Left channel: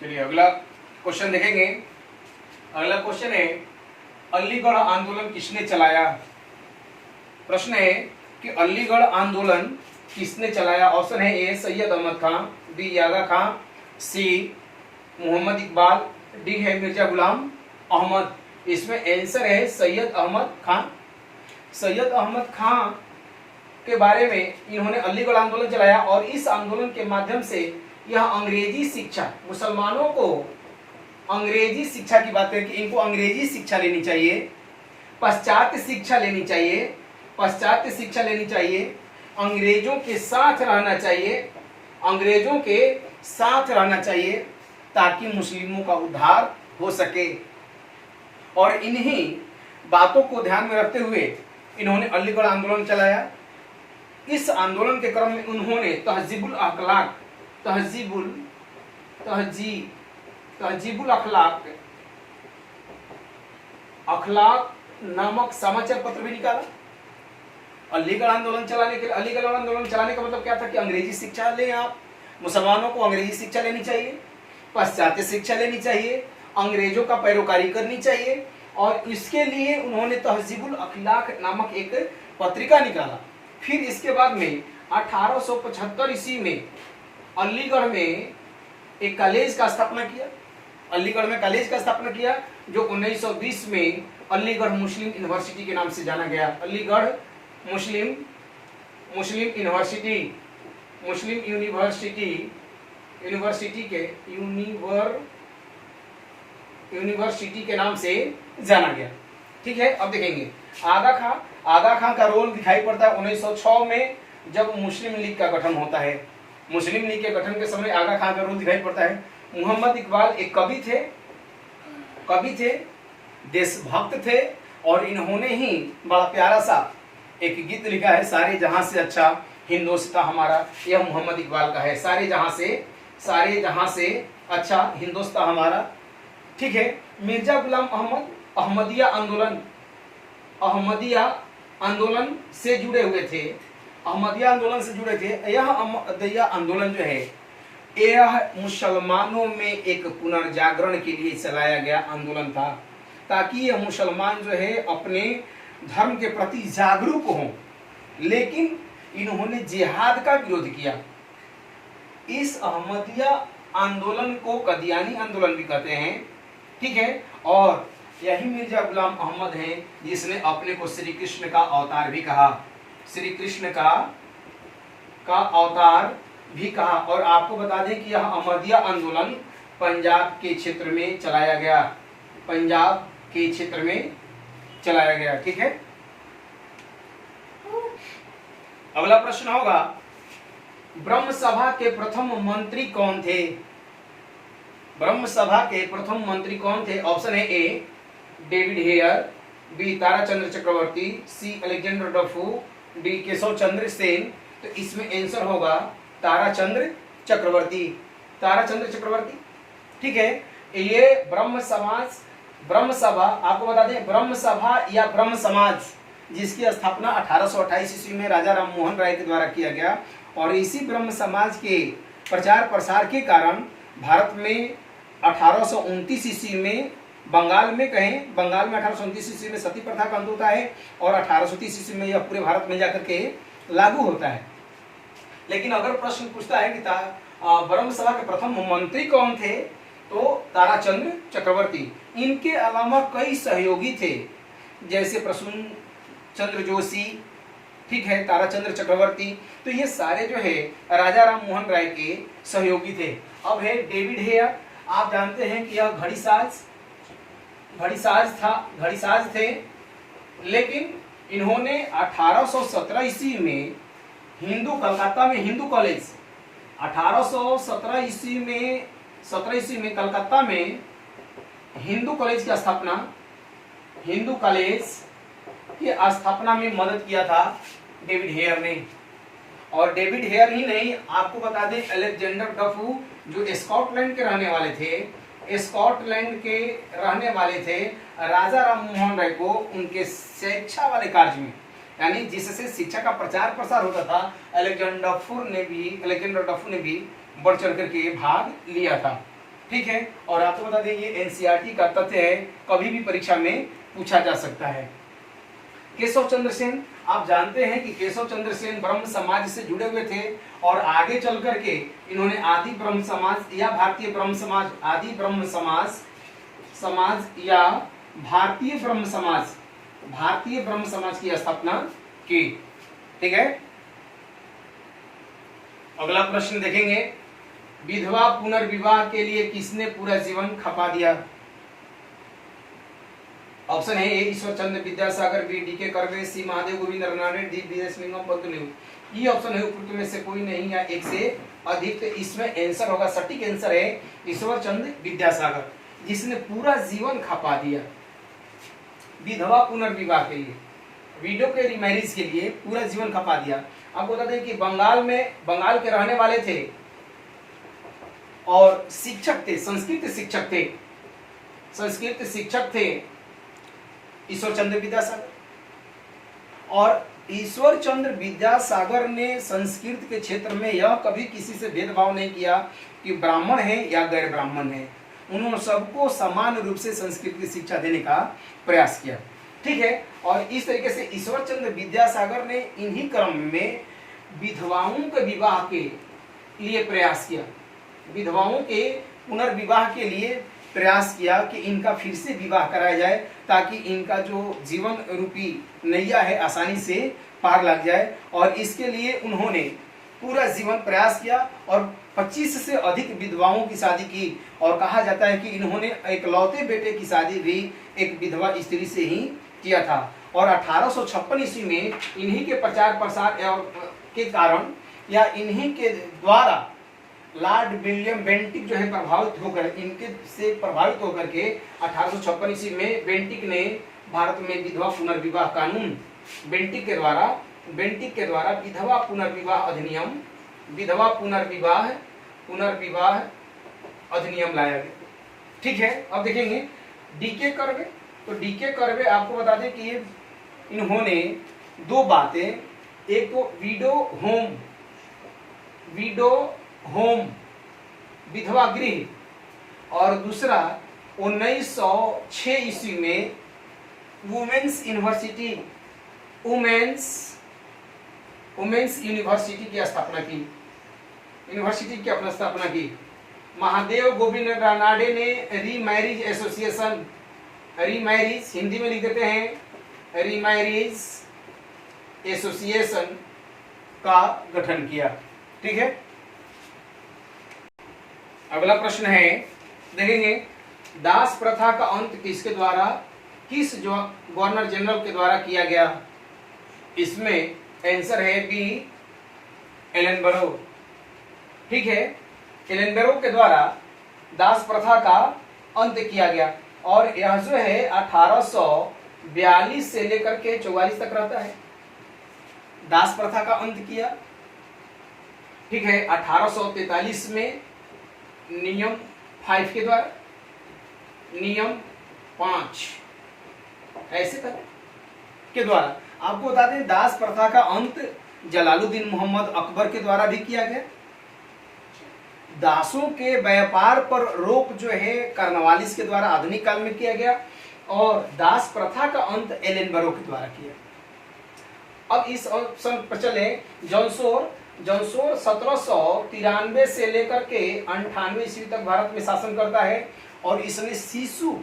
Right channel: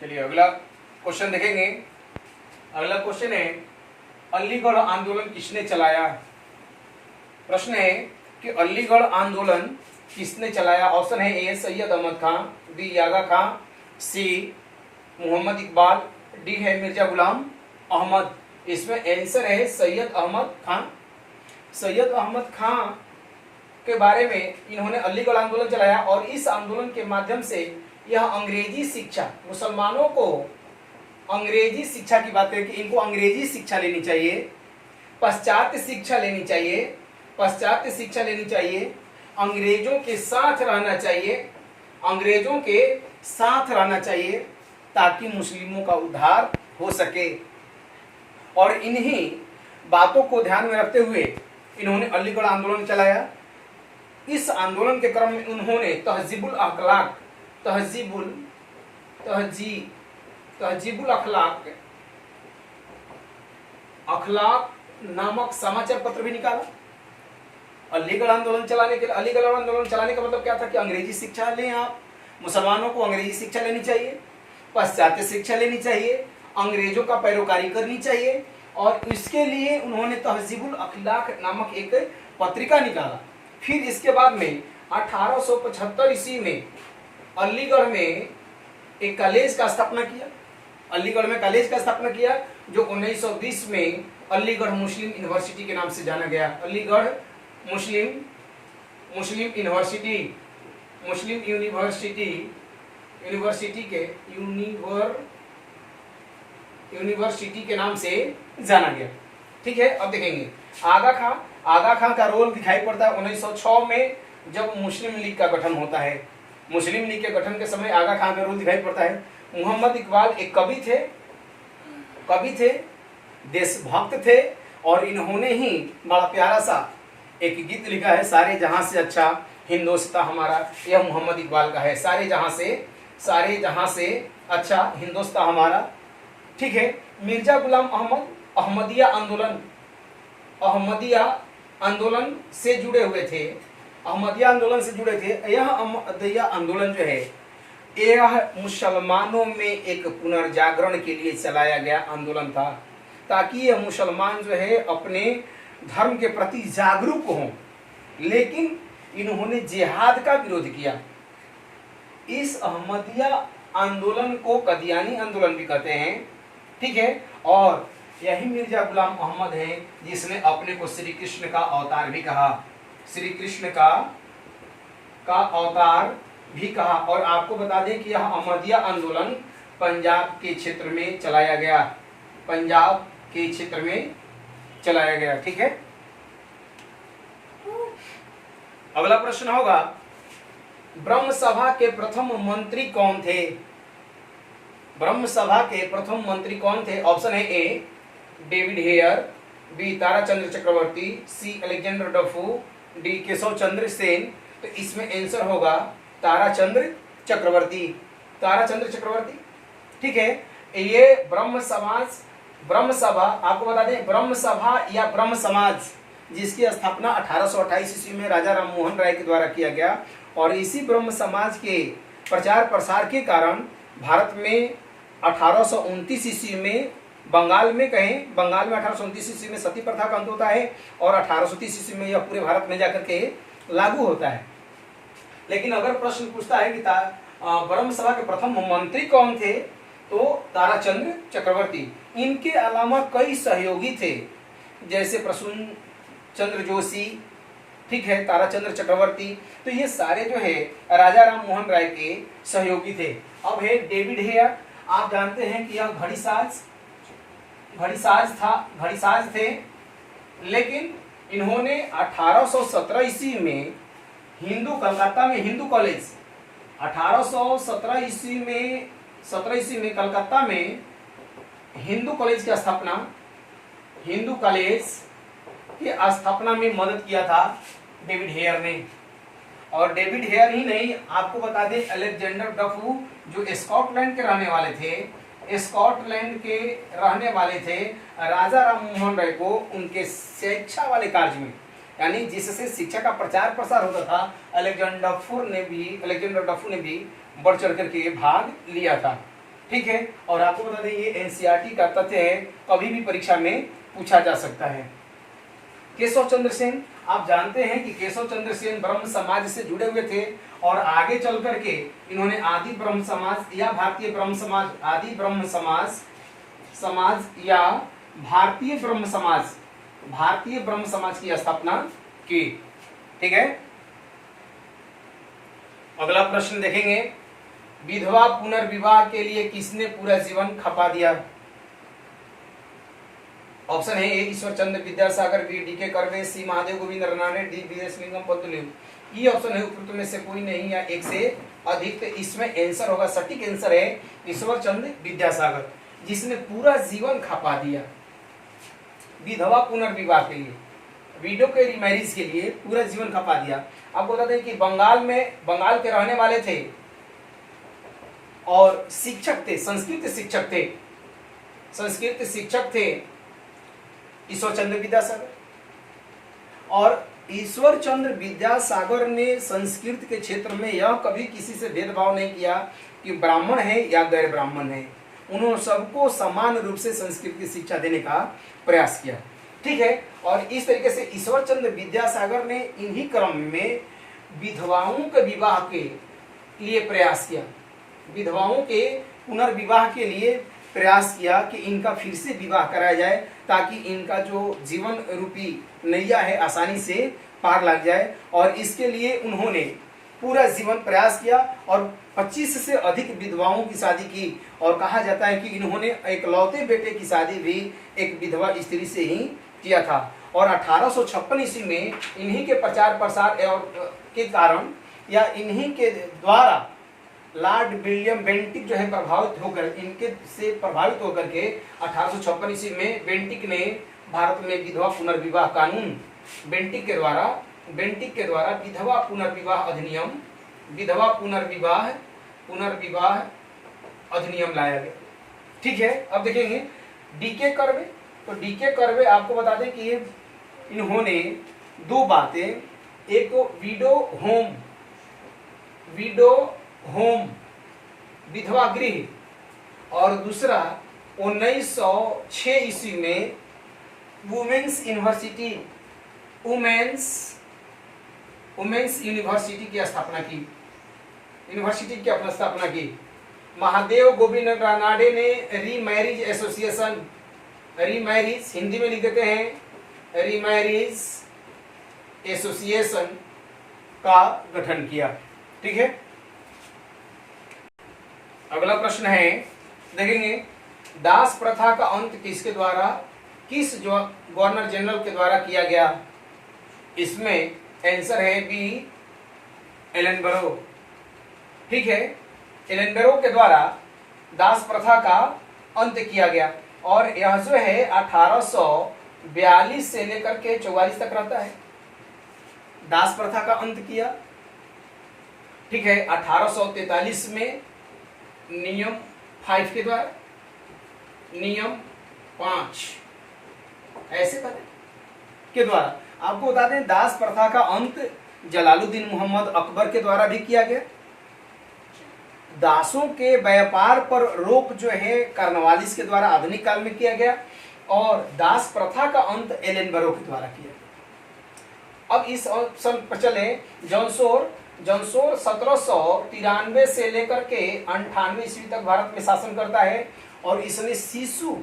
चलिए अगला क्वेश्चन देखेंगे। अगला क्वेश्चन है अलीगढ़ आंदोलन किसने चलाया। प्रश्न है कि अलीगढ़ आंदोलन किसने चलाया। ऑप्शन है ए सैयद अहमद खां, बी आगा खां, सी मोहम्मद इकबाल, डी है मिर्जा गुलाम अहमद। इसमें आंसर है सैयद अहमद खां। सैयद अहमद खां के बारे में इन्होंने अलीगढ़ आंदोलन चलाया और इस आंदोलन के माध्यम से यह अंग्रेजी शिक्षा, मुसलमानों को अंग्रेजी शिक्षा की बात है कि इनको अंग्रेजी शिक्षा लेनी चाहिए, पाश्चात्य शिक्षा लेनी चाहिए, पाश्चात्य शिक्षा लेनी चाहिए, अंग्रेजों के साथ रहना चाहिए, अंग्रेजों के साथ रहना चाहिए ताकि मुस्लिमों का उद्धार हो सके। और इन्हीं बातों को ध्यान में रखते हुए इन्होंने अलीगढ़ आंदोलन चलाया। इस आंदोलन के क्रम में उन्होंने तहजीबुल अखलाक नामक समाचार पत्र भी निकाला। अलीगढ़ आंदोलन चलाने के लिए, अलीगढ़ आंदोलन चलाने का मतलब क्या था कि अंग्रेजी शिक्षा लें आप, मुसलमानों को अंग्रेजी शिक्षा लेनी चाहिए, पाश्चात्य शिक्षा लेनी चाहिए, अंग्रेजों का पैरोकारी करनी चाहिए। और इसके लिए उन्होंने तहजीबुल अखलाक नामक एक पत्रिका निकाला। फिर इसके बाद में 1875 ईस्वी में अलीगढ़ में एक कॉलेज का स्थापना किया। अलीगढ़ में कॉलेज का स्थापना किया जो 1920 में अलीगढ़ मुस्लिम यूनिवर्सिटी के नाम से जाना गया। अलीगढ़ मुस्लिम यूनिवर्सिटी के नाम से जाना गया। ठीक है, अब देखेंगे आगा खां का रोल दिखाई पड़ता है 1906 में जब मुस्लिम लीग का गठन होता है। मुस्लिम लीग के गठन के समय आगा खां का रोल दिखाई पड़ता है। मोहम्मद इकबाल एक कवि थे, देशभक्त थे और इन्होंने ही बड़ा प्यारा सा एक गीत लिखा है, सारे जहां से अच्छा हिंदुस्तान हमारा। यह मोहम्मद इकबाल का है, सारे जहां से अच्छा हिंदुस्तान हमारा। ठीक है, मिर्जा गुलाम अहमद अहमदिया आंदोलन से जुड़े हुए थे। अहमदिया आंदोलन से जुड़े थे। यह अहमदिया आंदोलन जो है यह मुसलमानों में एक पुनर्जागरण के लिए चलाया गया आंदोलन था, ताकि यह मुसलमान जो है अपने धर्म के प्रति जागरूक हों। लेकिन इन्होंने जिहाद का विरोध किया। इस अहमदिया आंदोलन को कदियानी आंदोलन भी कहते हैं। ठीक है, और यही मिर्जा गुलाम अहमद है जिसने अपने को श्री कृष्ण का अवतार भी कहा, श्री कृष्ण का अवतार भी कहा। और आपको बता दें कि यह अहमदिया आंदोलन पंजाब के क्षेत्र में चलाया गया, पंजाब के क्षेत्र में चलाया गया। ठीक है, अगला प्रश्न होगा ब्रह्म सभा के प्रथम मंत्री कौन थे। ब्रह्म सभा के प्रथम मंत्री कौन थे। ऑप्शन है ए डेविड हेयर, बी ताराचंद्र चक्रवर्ती, सी अलेक्जेंडर डफू, डी केशव चंद्र सेन। तो इसमें आंसर होगा ताराचंद्र चक्रवर्ती। ठीक है, ये ब्रह्म सभा आपको बता दें, ब्रह्म सभा या ब्रह्म समाज जिसकी स्थापना 1828 ईस्वी में राजा राम मोहन राय के द्वारा किया गया। और इसी ब्रह्म समाज के प्रचार प्रसार के कारण भारत में 1829 ईस्वी में बंगाल में 1829 ईस्वी में सती प्रथा का अंत होता है और 1830 ईस्वी में यह पूरे भारत में जाकर के लागू होता है। लेकिन अगर प्रश्न पूछता है कि ब्रह्म सभा के प्रथम मंत्री कौन थे, तो ताराचंद्र चक्रवर्ती। इनके अलावा कई सहयोगी थे, जैसे प्रसून चंद्र जोशी, ठीक है, ताराचंद्र चक्रवर्ती। तो ये सारे जो है राजा राम मोहन राय के सहयोगी थे। अब है डेविड हेयर। आप जानते हैं कि यह घड़ीसाज थे, लेकिन इन्होंने 1817 ईस्वी में कलकत्ता में हिंदू कॉलेज 1817 ईस्वी में कलकत्ता में हिंदू कॉलेज की स्थापना में मदद किया था डेविड हेयर ने। और डेविड हेयर ही नहीं, आपको बता दें अलेक्जेंडर डफू जो स्कॉटलैंड के रहने वाले थे, राजा राम मोहन राय को उनके शिक्षा वाले कार्य में, यानी जिससे शिक्षा का प्रचार प्रसार होता था, अलेक्जेंडर डफू ने भी बढ़ चढ़ करके भाग लिया था। ठीक है। और आपको बता दें ये एनसीईआरटी का तथ्य है, कभी भी परीक्षा में पूछा जा सकता है। केशव चंद्र सेन, आप जानते हैं कि केशव चंद्र सेन ब्रह्म समाज से जुड़े हुए थे और आगे चल करके इन्होंने आदि ब्रह्म समाज या भारतीय ब्रह्म समाज, आदि ब्रह्म समाज या भारतीय ब्रह्म समाज की स्थापना की। ठीक है। अगला प्रश्न देखेंगे, विधवा पुनर्विवाह के लिए किसने पूरा जीवन खपा दिया? ऑप्शन है ए ईश्वर चंद्र विद्यासागर, बी डी के कर्वे, सी महादेव गोविंद रनाडे, डी वीरेशलिंगम पंतुलु। ये ऑप्शन है उपरोक्त में से कोई नहीं या एक से अधिक। तो इसमें आंसर होगा, सटीक आंसर है ईश्वर चंद्र विद्यासागर, जिसने पूरा जीवन खपा दिया विधवा पुनर्विवाह के लिए, विडो के रिमैरिज के लिए पूरा जीवन खपा दिया। आपको बता दें कि बंगाल के रहने वाले थे और शिक्षक थे, संस्कृत शिक्षक थे ईश्वर चंद्र विद्यासागर। और ईश्वर चंद्र विद्यासागर ने संस्कृत के क्षेत्र में यह कभी किसी से भेदभाव नहीं किया कि ब्राह्मण है या गैर ब्राह्मण है, उन्होंने सबको समान रूप से संस्कृत की शिक्षा देने का प्रयास किया। ठीक है। और इस तरीके से ईश्वर चंद्र विद्यासागर ने इन्हीं क्रम में विधवाओं के विवाह के लिए प्रयास किया, विधवाओं के पुनर्विवाह के लिए प्रयास किया कि इनका फिर से विवाह कराया जाए ताकि इनका जो जीवन रूपी नैया है आसानी से पार लग जाए। और इसके लिए उन्होंने पूरा जीवन प्रयास किया और 25 से अधिक विधवाओं की शादी की। और कहा जाता है कि इन्होंने एक लौते बेटे की शादी भी एक विधवा स्त्री से ही किया था। और 1856 ईस्वी में इन्हीं के प्रचार प्रसार के कारण या इन्हीं के द्वारा लॉर्ड विलियम बेंटिक जो है प्रभावित होकर के 1856 ईस्वी में बेंटिक ने भारत में विधवा पुनर्विवाह कानून, बेंटिक के द्वारा विधवा पुनर्विवाह अधिनियम लाया गया। ठीक है। अब देखेंगे डीके कर्वे। तो डीके कर्वे आपको बता दें कि ये इन्होंने दो बातें, एक तो होम विधवा गृह और दूसरा 1906 ईस्वी में वुमेन्स यूनिवर्सिटी की स्थापना की। महादेव गोविंद रानाडे ने रीमैरिज एसोसिएशन, रीमैरिज हिंदी में लिख देते हैं रीमैरिज एसोसिएशन का गठन किया। ठीक है। अगला प्रश्न है, देखेंगे दास प्रथा का अंत किस गवर्नर जनरल के द्वारा किया गया? इसमें आंसर है बी एलेनबरो। ठीक है। एलेनबरो के द्वारा दास प्रथा का अंत किया गया और यह जो है 1842 से लेकर के 44 तक रहता है। दास प्रथा का अंत किया। ठीक है। 1843 में नियम 5 के द्वारा, नियम 5 ऐसे के द्वारा। आपको बता दें दास प्रथा का अंत जलालुद्दीन मोहम्मद अकबर के द्वारा भी किया गया। दासों के व्यापार पर रोक जो है कार्नवालिस के द्वारा आधुनिक काल में किया गया और दास प्रथा का अंत एलेनबरो के द्वारा किया। अब इस ऑप्शन पर चले, जॉनसोर 1793 से लेकर के 98 ईस्वी तक भारत में शासन करता है और इसने शिशु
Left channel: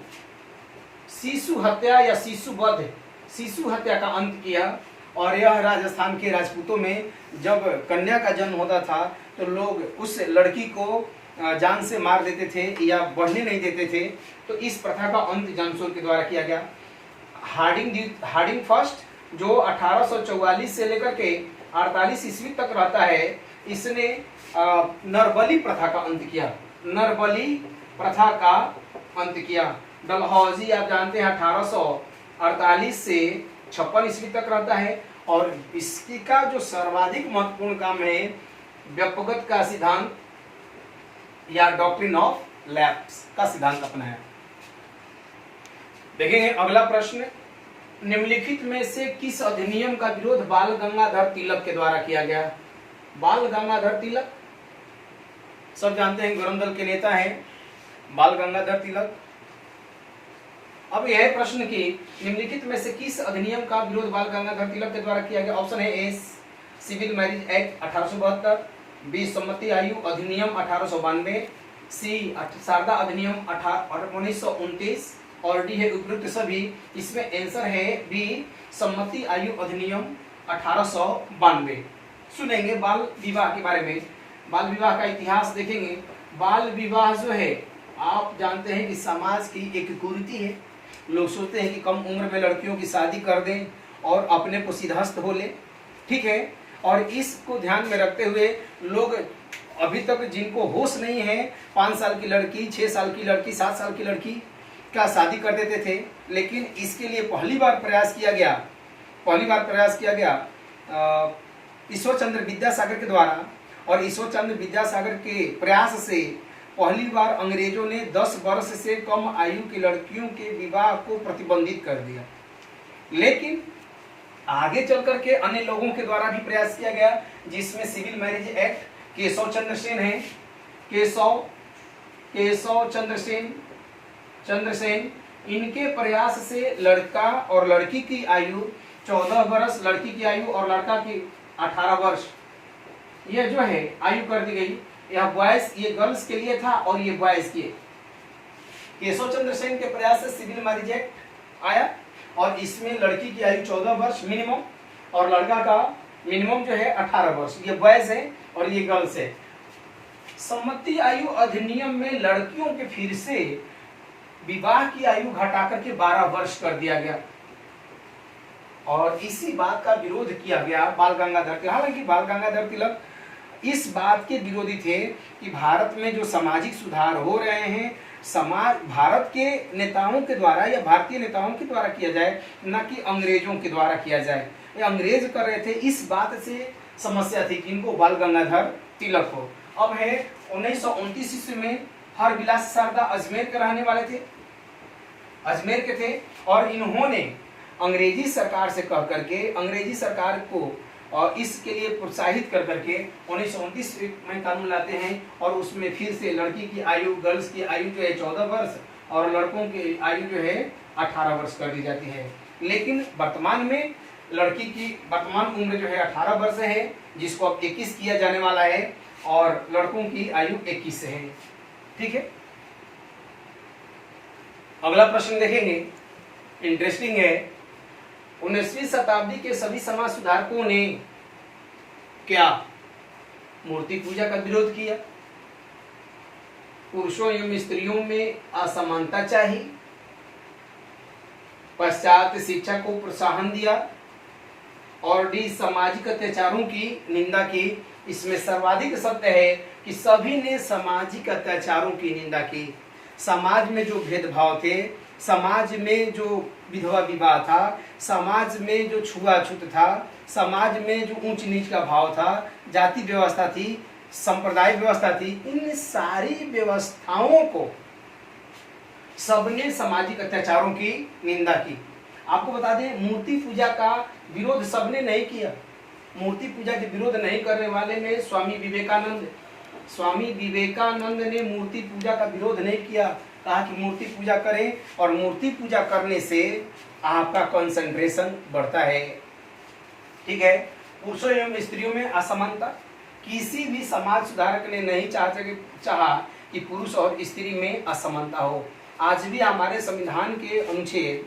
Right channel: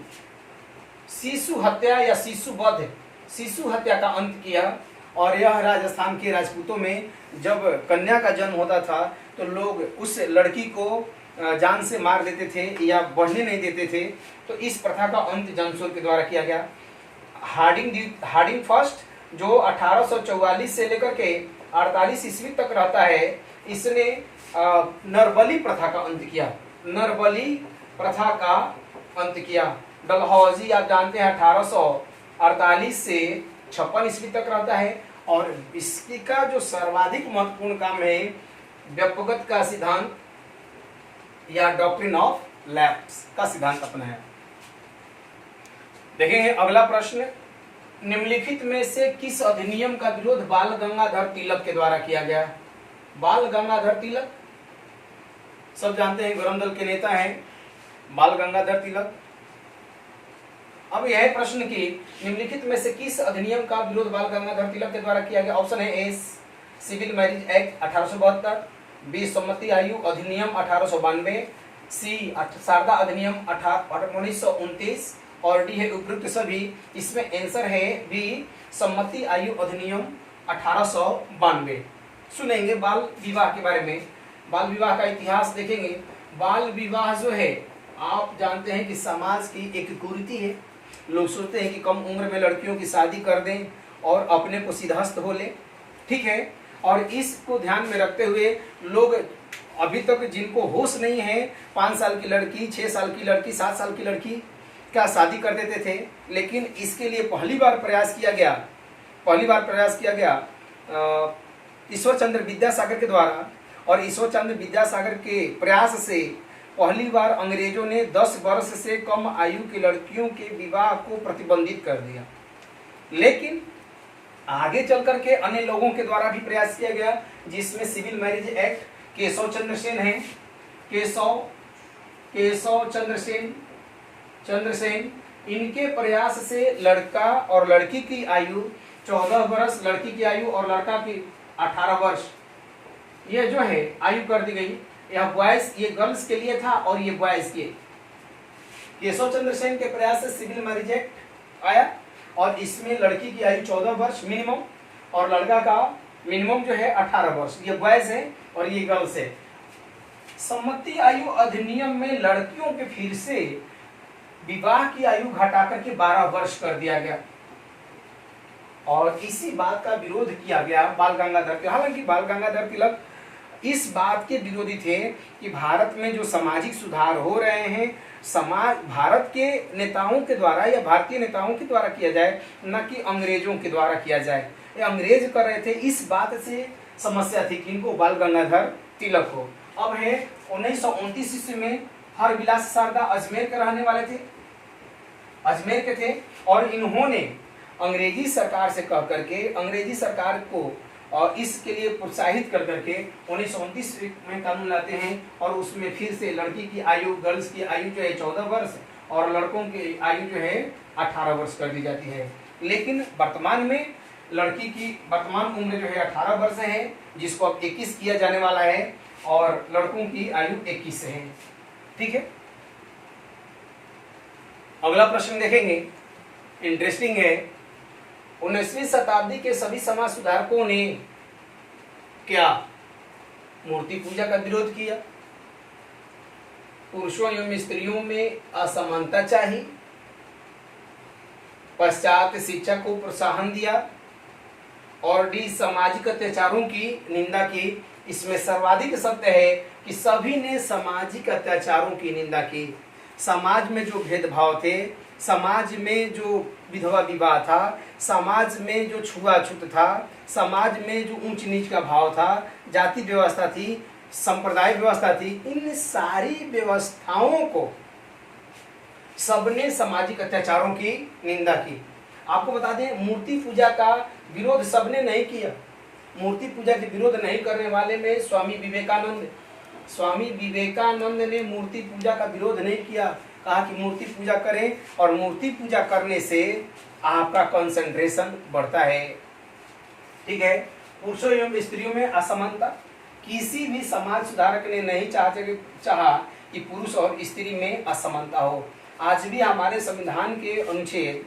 हत्या या शिशु हत्या का अंत किया। और यह राजस्थान के राजपूतों में जब कन्या का जन्म होता था तो लोग उस लड़की को जान से मार देते थे या बढ़ने नहीं देते थे। तो इस प्रथा का अंत जॉनसोर के द्वारा किया गया। हार्डिंग फर्स्ट जो 1844 से लेकर के 48 ईस्वी तक रहता है, इसने नरबली प्रथा का अंत किया। डलहौजी आप जानते हैं 1848 से 56 ईस्वी तक रहता है और इसका जो सर्वाधिक महत्वपूर्ण काम है व्यक्तिगत का सिद्धांत या डॉक्ट्रिन ऑफ लैप्स का सिद्धांत अपनाया। देखेंगे अगला प्रश्न, निम्नलिखित में से किस अधिनियम का विरोध बाल गंगाधर तिलक के द्वारा किया गया? बाल गंगाधर तिलक सब जानते हैं, गरम दल के नेता हैं। बाल गंगाधर तिलक। अब यह प्रश्न की निम्नलिखित में से किस अधिनियम का विरोध बाल गंगाधर तिलक के द्वारा किया गया? ऑप्शन है A civil marriage act 1872, B सम्मति आयु अधिनियम 1892, सी शारदा अधिनियम 1929 और डी है उपयुक्त सभी। इसमें आंसर है बी सम्मति आयु अधिनियम 1892। सुनेंगे बाल विवाह के बारे में, बाल विवाह का इतिहास देखेंगे। बाल विवाह जो है आप जानते हैं कि समाज की एक कुरीति है। लोग सोचते हैं कि कम उम्र में लड़कियों की शादी कर दें और अपने को सिद्धहस्त हो ले, ठीक है। और इसको ध्यान में रखते हुए लोग अभी तक जिनको होश नहीं है 5 साल की लड़की, 6 साल की लड़की, 7 साल की लड़की का शादी कर देते थे। लेकिन इसके लिए पहली बार प्रयास किया गया ईश्वर चंद्र विद्यासागर के द्वारा। और ईश्वर चंद्र विद्यासागर के प्रयास से पहली बार अंग्रेजों ने 10 वर्ष से कम आयु की लड़कियों के विवाह को प्रतिबंधित कर दिया। लेकिन आगे चल करके अन्य लोगों के द्वारा भी प्रयास किया गया, जिसमें civil marriage act Keshav Chandra Sen है, केशव चंद्र सेन, इनके प्रयास से लड़का और लड़की की आयु 14 वर्ष, लड़की की आयु और लड़का की 18 वर्ष ये जो है आयु कर दी गई। यह बॉयज, ये गर्ल्स के लिए था और ये बॉयज के। केशव चंद्र सेन के प्रयास से सिविल मैरिज एक्ट आया और इसमें लड़की की आयु 14 वर्ष मिनिमम और लड़का का मिनिमम जो है 18 वर्ष। ये बॉयज है और ये गर्ल्स है। सम्मति आयु अधिनियम में लड़कियों के फिर से विवाह की आयु घटाकर के 12 वर्ष कर दिया गया और इसी बात का विरोध किया गया बाल गंगाधर तिलक। हालांकि बाल गंगाधर तिलक इस बात के विरोधी थे कि भारत में जो सामाजिक सुधार हो रहे हैं भारत के नेताओं के द्वारा या भारतीय नेताओं के द्वारा किया जाए, न कि अंग्रेजों के द्वारा किया जाए। ये अंग्रेज कर रहे थे, इस बात से समस्या थी किनको? बाल गंगाधर तिलक को। अब है 1929 ईस्वी में हरविलास शारदा अजमेर के रहने वाले थे, अजमेर के थे और इन्होंने अंग्रेजी सरकार से कह करके अंग्रेजी सरकार को और इसके लिए प्रोत्साहित कर करके 1929 में कानून लाते हैं और उसमें फिर से लड़की की आयु, गर्ल्स की आयु जो है 14 वर्ष और लड़कों की आयु जो है 18 वर्ष कर दी जाती है। लेकिन वर्तमान में लड़की की वर्तमान उम्र जो है 18 वर्ष है, जिसको अब 21 किया जाने वाला है और लड़कों की आयु 21 है, ठीक है। अगला प्रश्न देखेंगे, इंटरेस्टिंग है। 19वीं शताब्दी के सभी समाज सुधारकों ने क्या मूर्ति पूजा का विरोध किया? पुरुषों एवं स्त्रियों में असमानता चाहिए, पश्चात शिक्षा को प्रोत्साहन दिया और डी सामाजिक अत्याचारों की निंदा की। इसमें सर्वाधिक सत्य है कि सभी ने सामाजिक अत्याचारों की निंदा की। समाज में जो भेदभाव थे, समाज में जो विधवा विवाह था, समाज में जो छुआछूत था, समाज में जो ऊंच नीच का भाव था, जाति व्यवस्था थी, संप्रदाय व्यवस्था थी, इन सारी व्यवस्थाओं को सबने सामाजिक अत्याचारों की निंदा की। आपको बता दें, मूर्ति पूजा का विरोध सबने नहीं किया। मूर्ति पूजा के विरोध नहीं करने वाले में स्वामी विवेकानंद ने मूर्ति पूजा का विरोध नहीं किया। कहा कि मूर्ति पूजा करें और मूर्ति पूजा करने से आपका कंसंट्रेशन बढ़ता है, ठीक है। पुरुषों एवं स्त्रियों में असमानता, किसी भी समाज सुधारक ने नहीं चाहा कि पुरुष और स्त्री में असमानता हो। आज भी हमारे संविधान के अनुच्छेद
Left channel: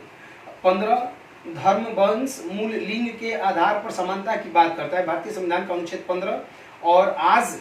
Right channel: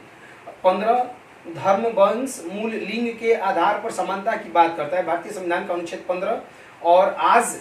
15 धर्म, वंश, मूल, लिंग के आधार पर समानता की बात करता है, भारतीय संविधान का अनुच्छेद 15। और आज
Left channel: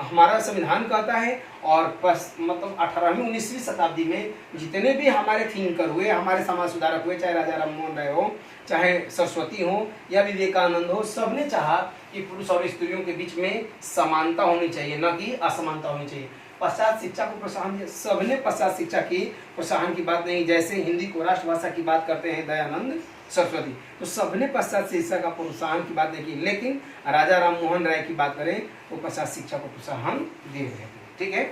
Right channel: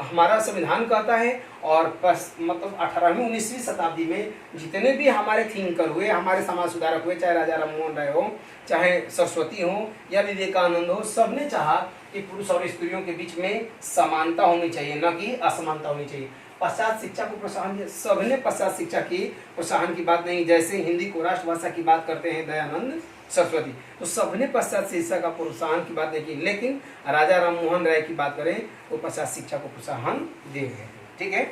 हमारा संविधान कहता है और मतलब 18वीं 19वीं शताब्दी में जितने भी हमारे थिंकर हुए, हमारे समाज सुधारक हुए, चाहे राजा राममोहन राय हो, चाहे सरस्वती हो या विवेकानंद हो, सबने चाहा कि पुरुष और स्त्रियों के बीच में समानता होनी चाहिए, न कि असमानता होनी चाहिए। पश्चात शिक्षा को प्रोत्साहन दिया, सबने पश्चात शिक्षा की प्रोत्साहन की बात नहीं। जैसे हिंदी को राष्ट्रभाषा की बात करते हैं दयानंद सरस्वती, तो सबने पश्चात शिक्षा का प्रोत्साहन की बात नहीं की। लेकिन राजा राममोहन राय की बात करें तो पश्चात शिक्षा को प्रोत्साहन दे रहे हैं, ठीक है।